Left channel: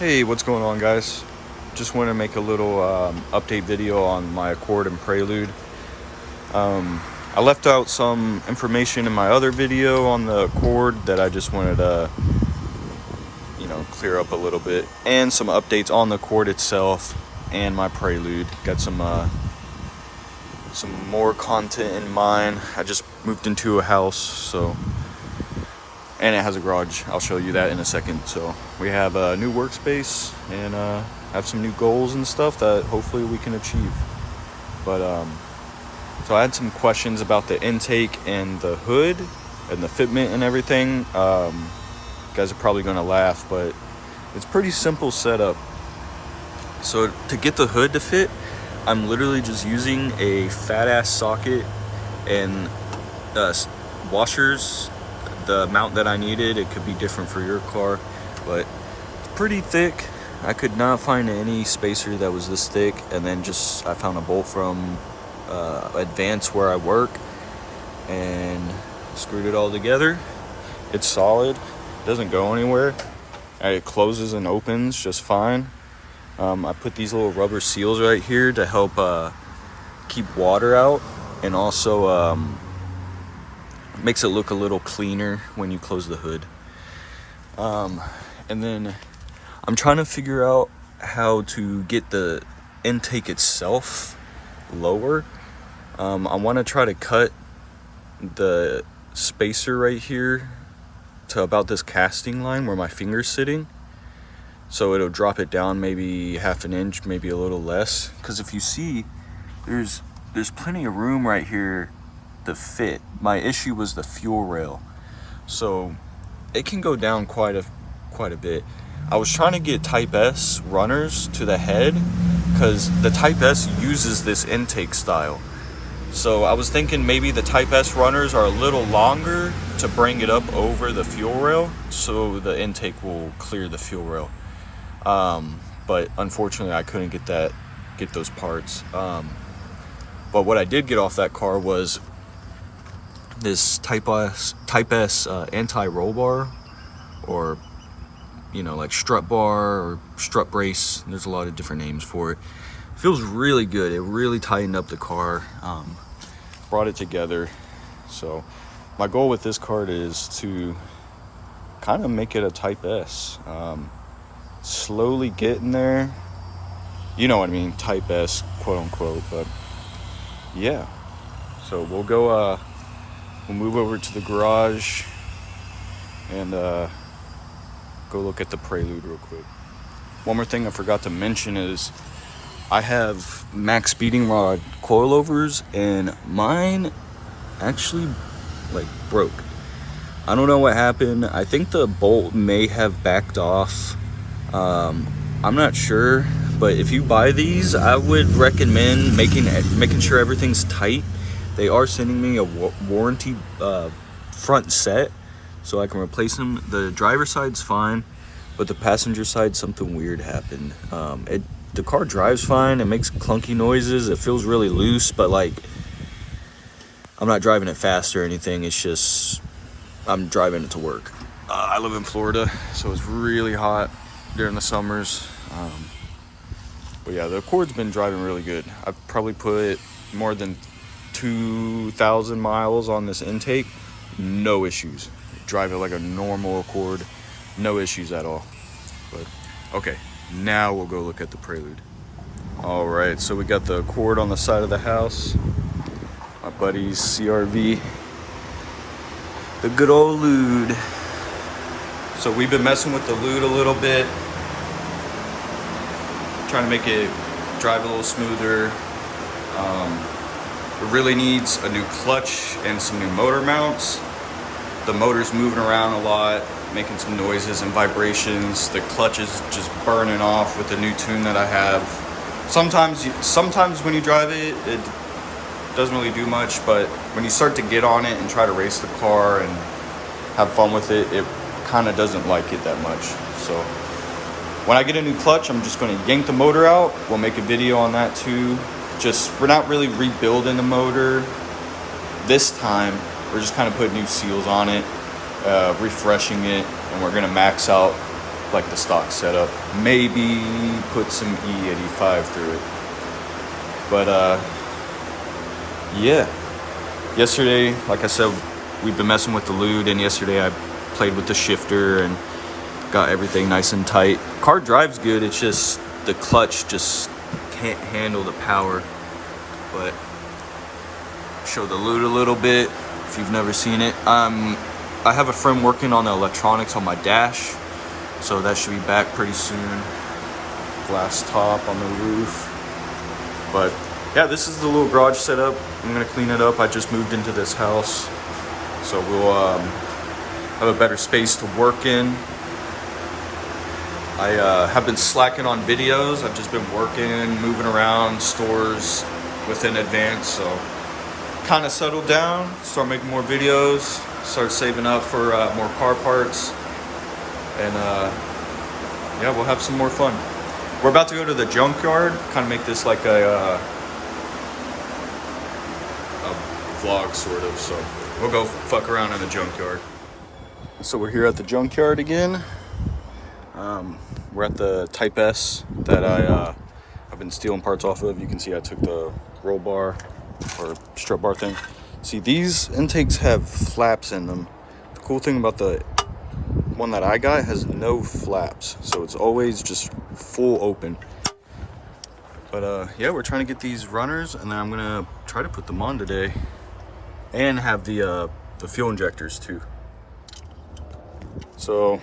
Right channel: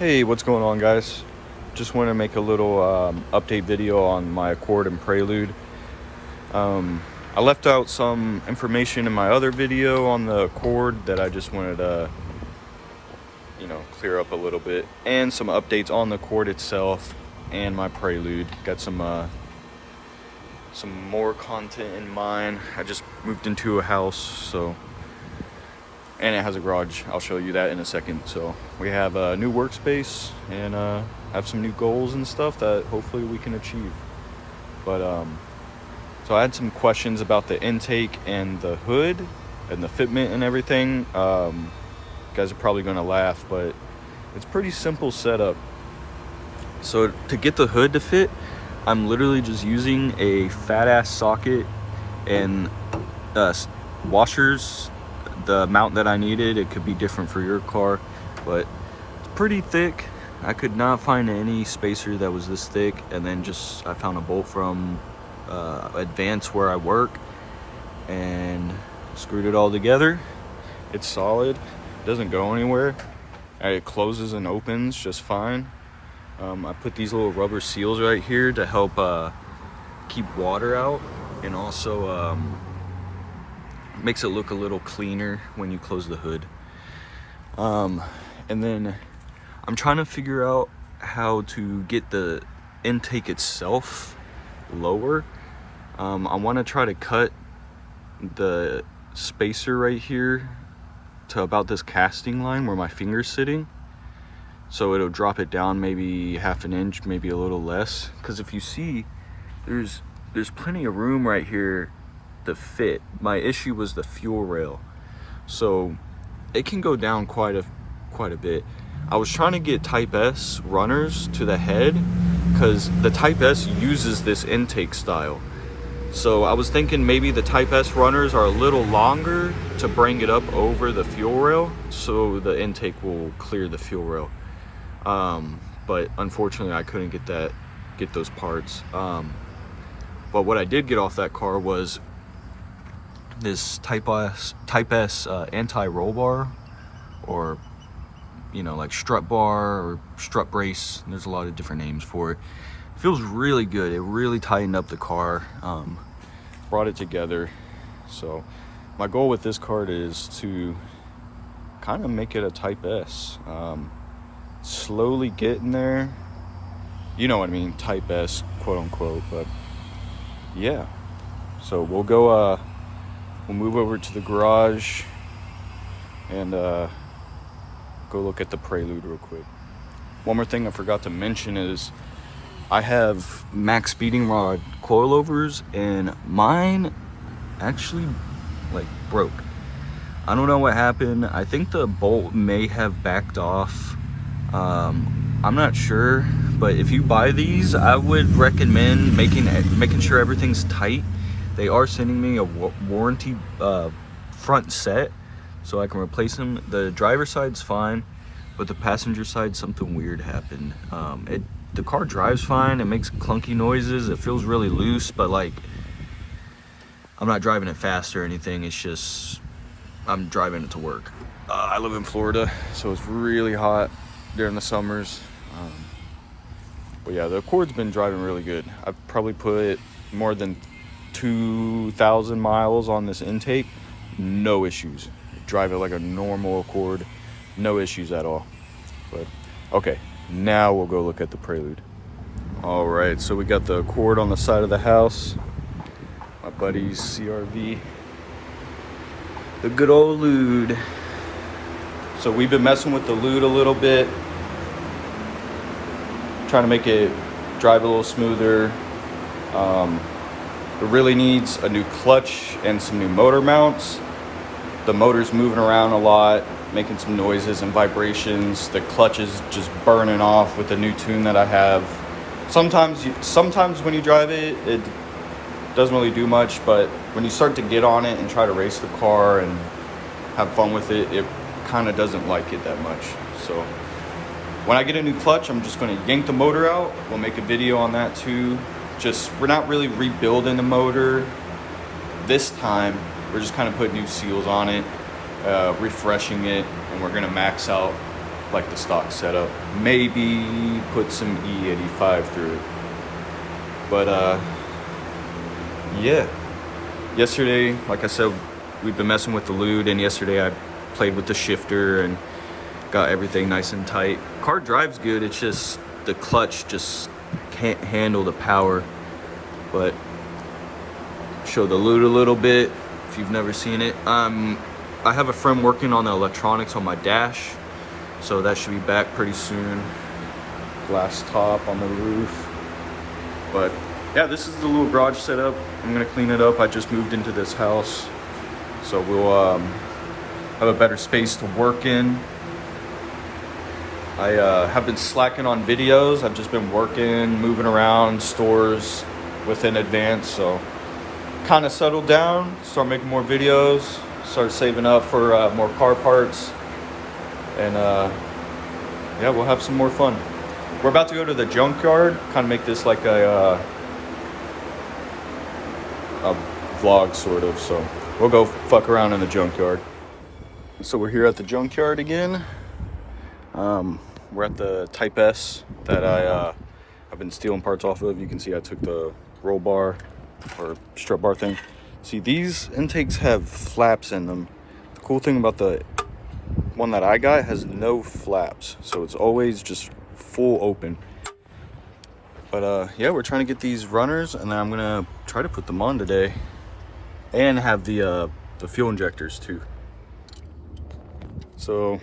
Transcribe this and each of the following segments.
Hey, what's going on, guys? Just want to make a little update video on my Accord and Prelude. I left out some information in my other video on the Accord that I just wanted to, clear up a little bit, and some updates on the Accord itself and my Prelude. Got some more content in mind. I just moved into a house, and it has a garage. I'll show you that in a second. So we have a new workspace and have some new goals and stuff that hopefully we can achieve. But so I had some questions about the intake and the hood and the fitment and everything. You guys are probably gonna laugh, but it's pretty simple setup. So to get the hood to fit, I'm literally just using a fat ass socket and washers. The amount that I needed, it could be different for your car, but it's pretty thick. I could not find any spacer that was this thick, and then I found a bolt from Advance where I work and screwed it all together. It's solid, doesn't go anywhere. It closes and opens just fine. I put these little rubber seals right here to help keep water out, and also makes it look a little cleaner when you close the hood. And then I'm trying to figure out how to get the intake itself lower. I want to try to cut the spacer right here to about this casting line where my finger's sitting, so it'll drop it down maybe half an inch, maybe a little less, because if you see, there's plenty of room right here to fit. My issue was the fuel rail, so it can go down quite a bit. I was trying to get Type S runners to the head because the Type S uses this intake style. So I was thinking maybe the Type S runners are a little longer to bring it up over the fuel rail, so the intake will clear the fuel rail. But unfortunately I couldn't get those parts. But what I did get off that car was this Type S anti-roll bar, or like strut bar or strut brace. There's a lot of different names for it. Feels really good. It really tightened up the car, brought it together. So my goal with this card is to kind of make it a Type S. Slowly getting there, you know what I mean, Type S, quote unquote. But yeah, so we'll go we'll move over to the garage and go look at the Prelude real quick. One more thing I forgot to mention is I have max speeding rod coilovers, and mine actually broke. I don't know what happened. I think the bolt may have backed off. I'm not sure, but if you buy these, I would recommend making sure everything's tight. They are sending me a warranty front set, so I can replace them. The driver's side's fine, but the passenger side, something weird happened. The car drives fine. It makes clunky noises. It feels really loose, but I'm not driving it fast or anything. It's just I'm driving it to work. I live in Florida, so it's really hot during the summers. But yeah, the Accord's been driving really good. I've probably put more than 2,000 miles on this intake. No issues. Drive it like a normal Accord. No issues at all. But okay, now we'll go look at the Prelude. All right, so we got the Accord on the side of the house. My buddy's CRV. The good old Lude. So we've been messing with the Lude a little bit, trying to make it drive a little smoother. It really needs a new clutch and some new motor mounts. The motor's moving around a lot, making some noises and vibrations. The clutch is just burning off with the new tune that I have. Sometimes when you drive it, it doesn't really do much, but when you start to get on it and try to race the car and have fun with it, it kind of doesn't like it that much. So when I get a new clutch, I'm just going to yank the motor out. We'll make a video on that too. We're not really rebuilding the motor this time. We're just kind of putting new seals on it, refreshing it, and we're going to max out like the stock setup. Maybe put some E85 through it. But yeah. Yesterday, like I said, we've been messing with the lute, and yesterday I played with the shifter and got everything nice and tight. Car drives good, it's just the clutch just can't handle the power. But show the lute a little bit if you've never seen it. I have a friend working on the electronics on my dash, so that should be back pretty soon. Glass top on the roof. But yeah, this is the little garage setup. I'm gonna clean it up. I just moved into this house, so we'll have a better space to work in. I have been slacking on videos. I've just been working, moving around stores within advance, so kind of settled down, start making more videos, start saving up for more car parts, and yeah, we'll have some more fun. We're about to go to the junkyard, kind of make this like a vlog sort of, so we'll go fuck around in the junkyard. So we're here at the junkyard again. We're at the Type S that I've been stealing parts off of. You can see I took the roll bar or strut bar thing. See, these intakes have flaps in them. The cool thing about the one that I got has no flaps, so it's always just full open. But yeah, we're trying to get these runners, and then I'm gonna try to put them on today and have the fuel injectors too. So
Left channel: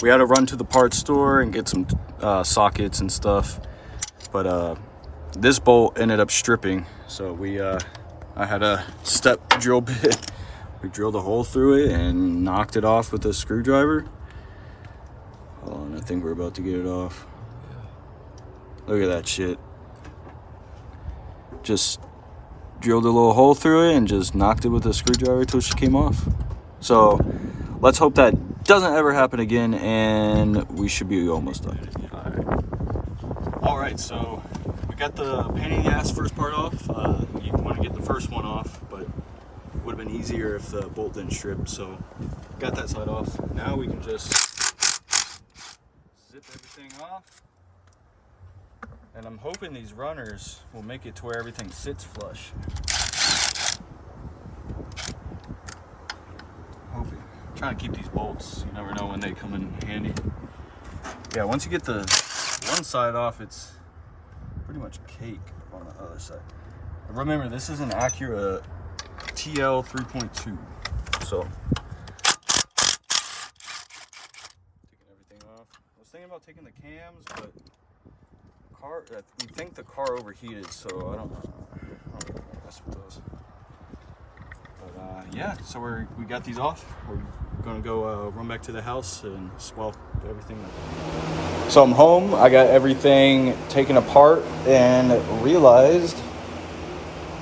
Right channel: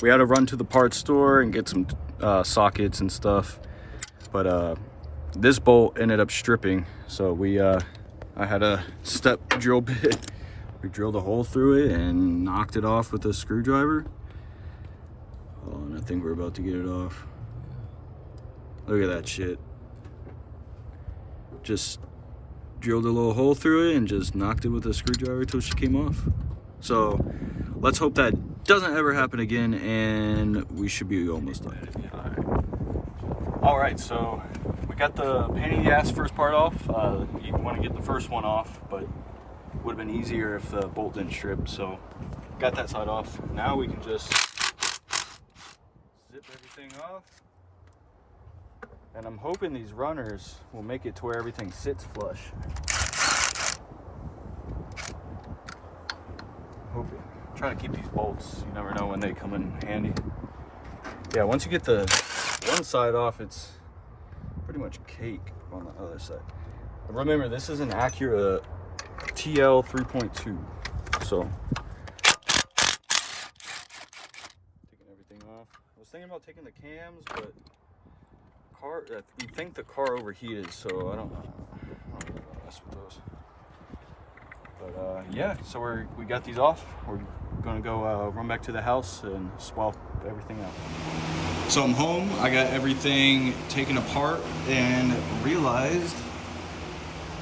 we had to run to the parts store and get some sockets and stuff, but this bolt ended up stripping, so I had a step drill bit. We drilled a hole through it and knocked it off with a screwdriver. Oh, and I think we're about to get it off. Look at that shit. Just drilled a little hole through it and just knocked it with a screwdriver till she came off. So let's hope that doesn't ever happen again, and we should be almost done. All right, so we got the pain in the ass first part off. You want to get the first one off, but it would have been easier if the bolt didn't strip. So got that side off. Now we can just zip everything off. And I'm hoping these runners will make it to where everything sits flush. Hoping. Trying to keep these bolts. You never know when they come in handy. Yeah, once you get the one side off, it's pretty much cake on the other side. But remember, this is an Acura TL 3.2. So taking everything off. I was thinking about taking the cams, but you think the car overheated, so I don't mess with those. But yeah, so we got these off. We're gonna go run back to the house and swap everything up. So I'm home. I got everything taken apart and realized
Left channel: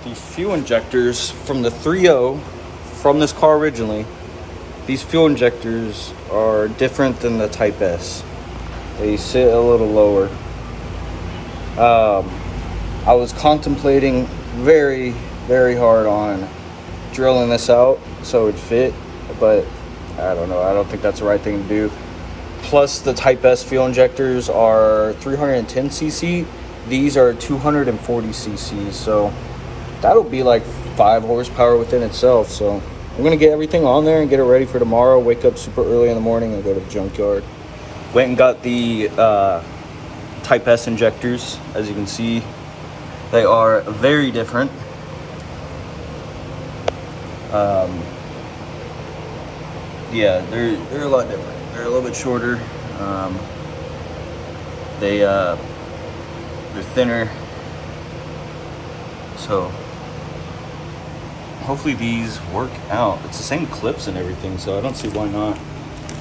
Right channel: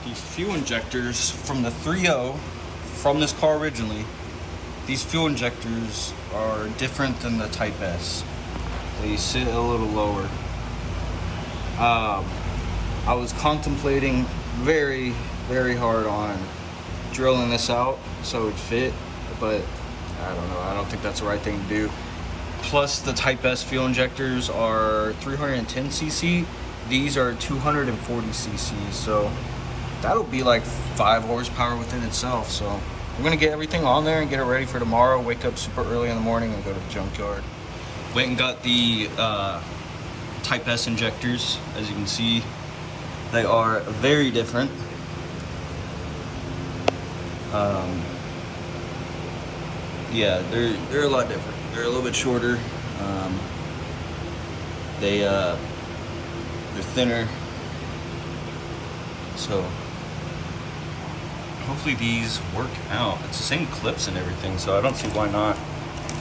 these fuel injectors from the 3.0 from this car originally, these fuel injectors are different than the Type S. They sit a little lower. I was contemplating very, very hard on drilling this out so it would fit, but I don't know. I don't think that's the right thing to do. Plus, the Type S fuel injectors are 310 cc. These are 240 cc, so that'll be like 5 horsepower within itself. So I'm gonna get everything on there and get it ready for tomorrow. Wake up super early in the morning and go to the junkyard. Went and got the Type S injectors. As you can see, they are very different. Yeah, they're a lot different. They're a little bit shorter. They're thinner. So hopefully these work out. It's the same clips and everything, so I don't see why not.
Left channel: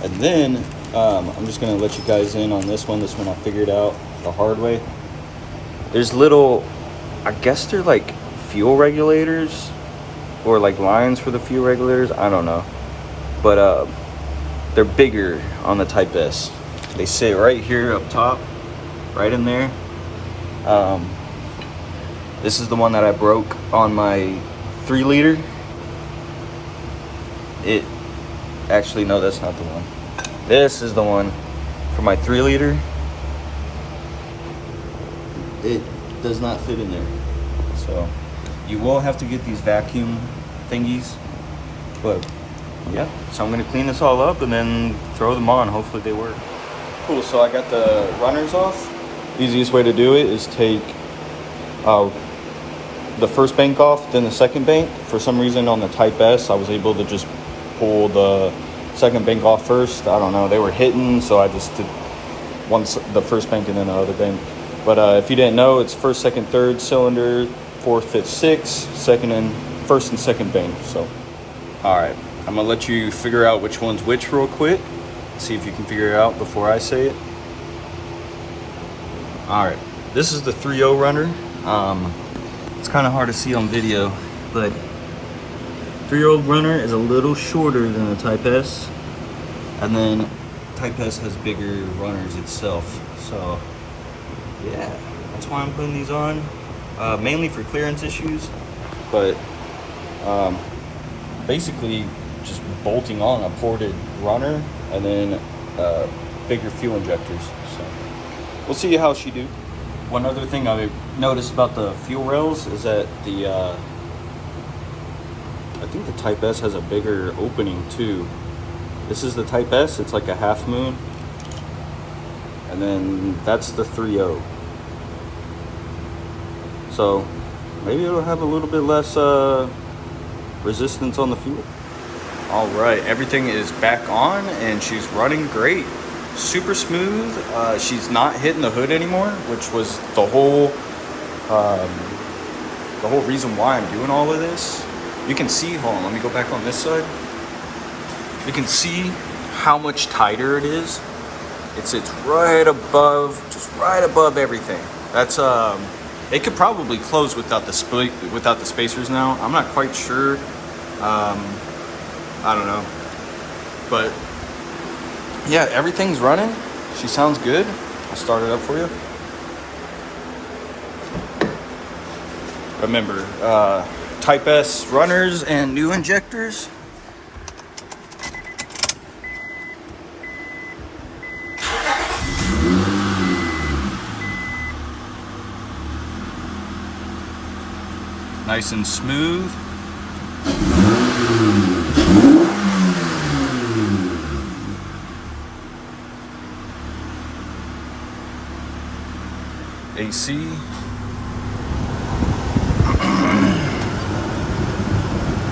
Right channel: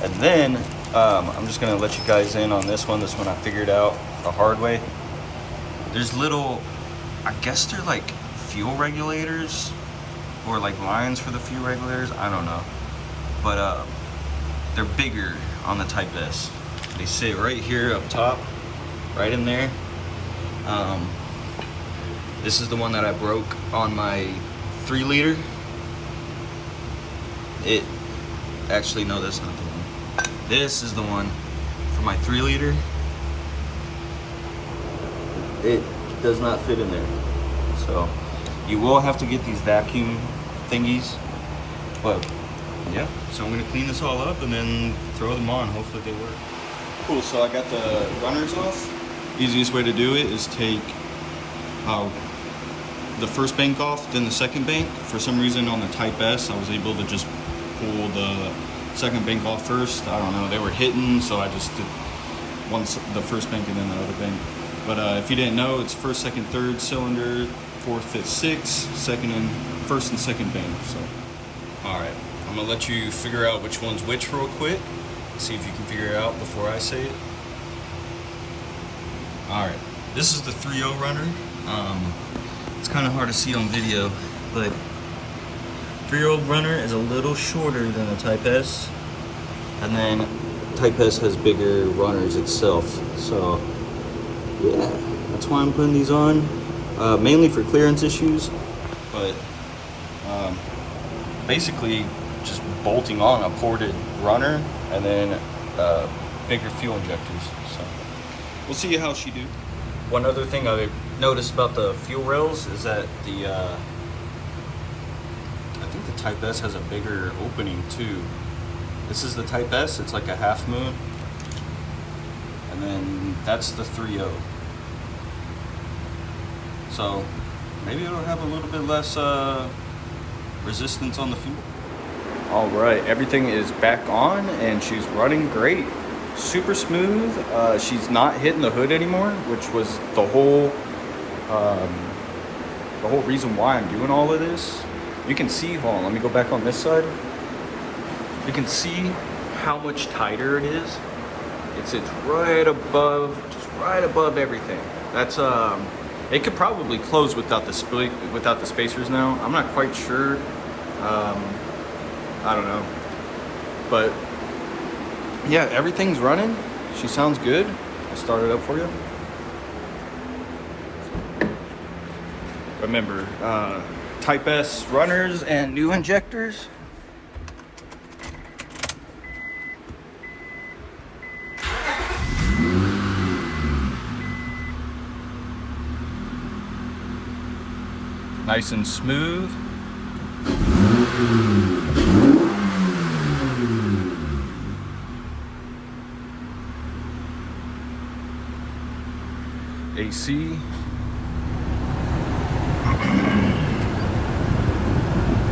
And then I'm just gonna let you guys in on this one. This one I figured out the hard way. There's little, I guess they're like fuel regulators or like lines for the fuel regulators. I don't know, but they're bigger on the Type S. They sit right here up top, right in there. This is the one that I broke on my 3 liter. Actually, no, that's not the one. This is the one for my 3-liter. It does not fit in there. So you will have to get these vacuum thingies. But yeah, so I'm gonna clean this all up and then throw them on. Hopefully they work. Cool, so I got the runners off. Easiest way to do it is take the first bank off, then the second bank. For some reason on the Type S, I was able to just pull the second bank off first. I don't know, they were hitting, so I just did the first bank and then the other bank. But if you didn't know, it's first, second, third cylinder, fourth, fifth, sixth, first and second bank. So, all right, I'm gonna let you figure out which one's which real quick. See if you can figure it out before I say it. All right, this is the 3.0 runner. It's kind of hard to see on video, but 3.0 runner is a little shorter than the Type S, and then Type S has bigger runners itself. So yeah, that's why I'm putting these on, mainly for clearance issues, but basically just bolting on a ported runner and then bigger fuel injectors. So we'll see how she do. One other thing I noticed about the fuel rails is that I think the Type S has a bigger opening too. This is the Type S, it's like a half moon. And then that's the 3.0. So maybe it'll have a little bit less resistance on the fuel. All right, everything is back on and she's running great. Super smooth. She's not hitting the hood anymore, which was the whole reason why I'm doing all of this. You can see, hold on, let me go back on this side. You can see how much tighter it is. It sits right above, just right above everything. That's it could probably close without the spacers now. I'm not quite sure. I don't know, but yeah, everything's running. She sounds good. I'll start it up for you. Remember, Type S runners and new injectors. Nice and smooth. AC.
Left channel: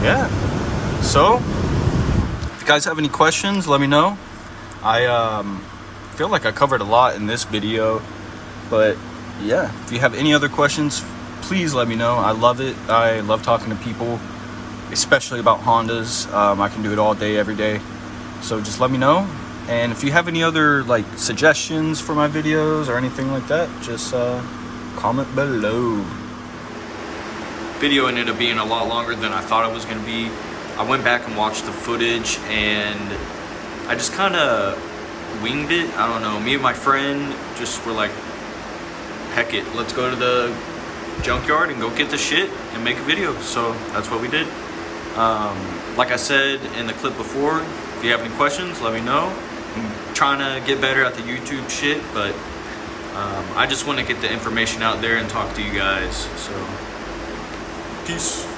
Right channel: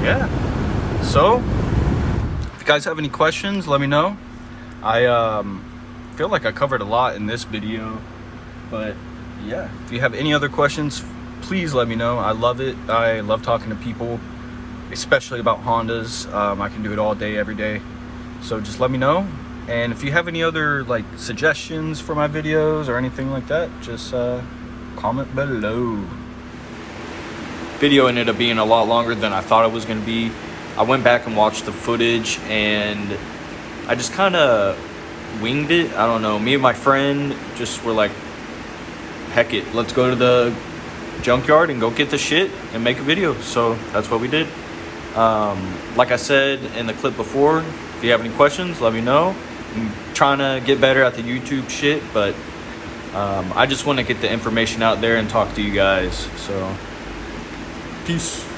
Yeah. So, if you guys have any questions, let me know. I feel like I covered a lot in this video, but yeah, if you have any other questions, please let me know. I love it. I love talking to people, especially about Hondas. I can do it all day, every day. So just let me know. And if you have any other like suggestions for my videos or anything like that, just comment below. Video ended up being a lot longer than I thought it was going to be. I went back and watched the footage and I just kind of winged it. I don't know. Me and my friend just were like, heck it, let's go to the junkyard and go get the shit and make a video. So that's what we did. Like I said in the clip before, if you have any questions, let me know. I'm trying to get better at the YouTube shit, but I just want to get the information out there and talk to you guys. So peace.